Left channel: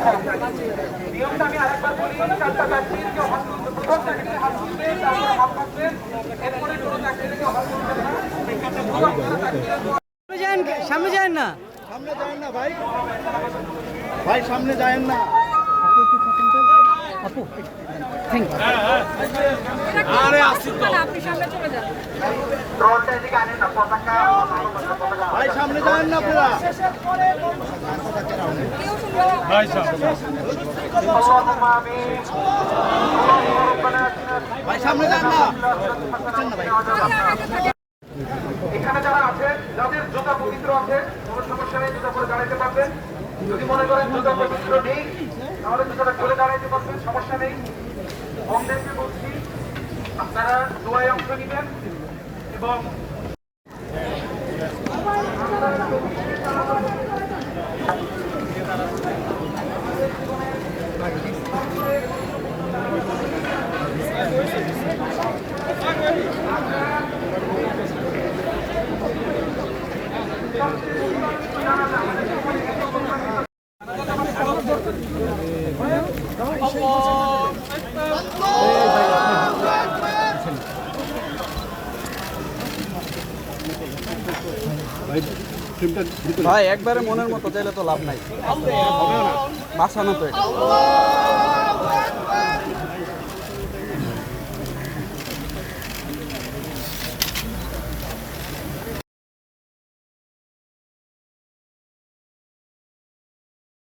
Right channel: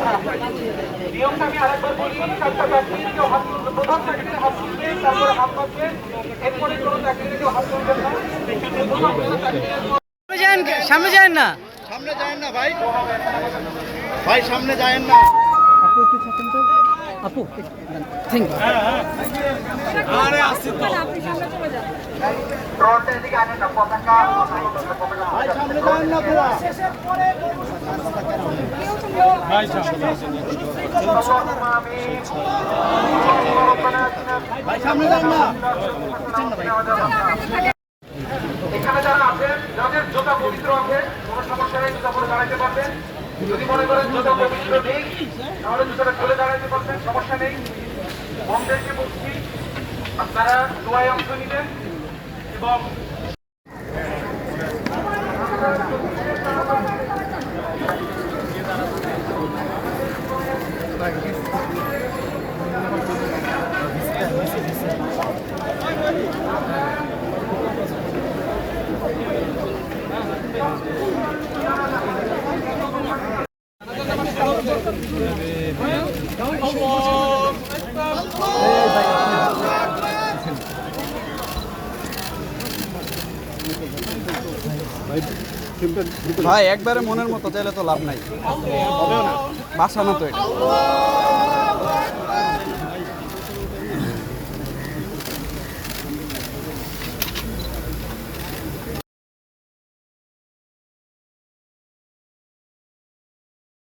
নিয়মটা আমি আরেকবার বলি, চারটা চাকরি কেউ হাত তুলবে, প্রথম চাকরিতে হাত তুলবে, তারপরে হাত পাতবে, এরপরে কোনো চাকরিতে কেউ হাত তুলবে না। সামনে যায় না, সামনে যায় না ভাই, ভাই সামনে যায় না। আপনি একটু থাকেন তো আপু, থ্যাংক ইউ। আরে আসি তো ড্রোনটা এদিকে আনি না, পতাকা ভাই সামনে যায় না পুরা ভাই সামনে اللهم آمين اللهم ربنا آتنا ভাই সামনে যায় না। এখানে যারা আছেন, যাদের জুতা পবিত্র আছে, কোনো সমস্যা নেই, জুতা পরে দাঁড়াইতে পারবেন। যদি মনে করেন জুতা পবিত্র নেই, তাহলে জুতাটা খুলে দাঁড়াইতে পারবেন, সমস্যা নেই। বন্ধেরকে বলছি, আপনারা দোয়ায় অংশ নিবেন এবং ভাই একবারে মনের মতো চাইলে তো লাভ নাই, হবেও না, বাঁচানো তো এটা।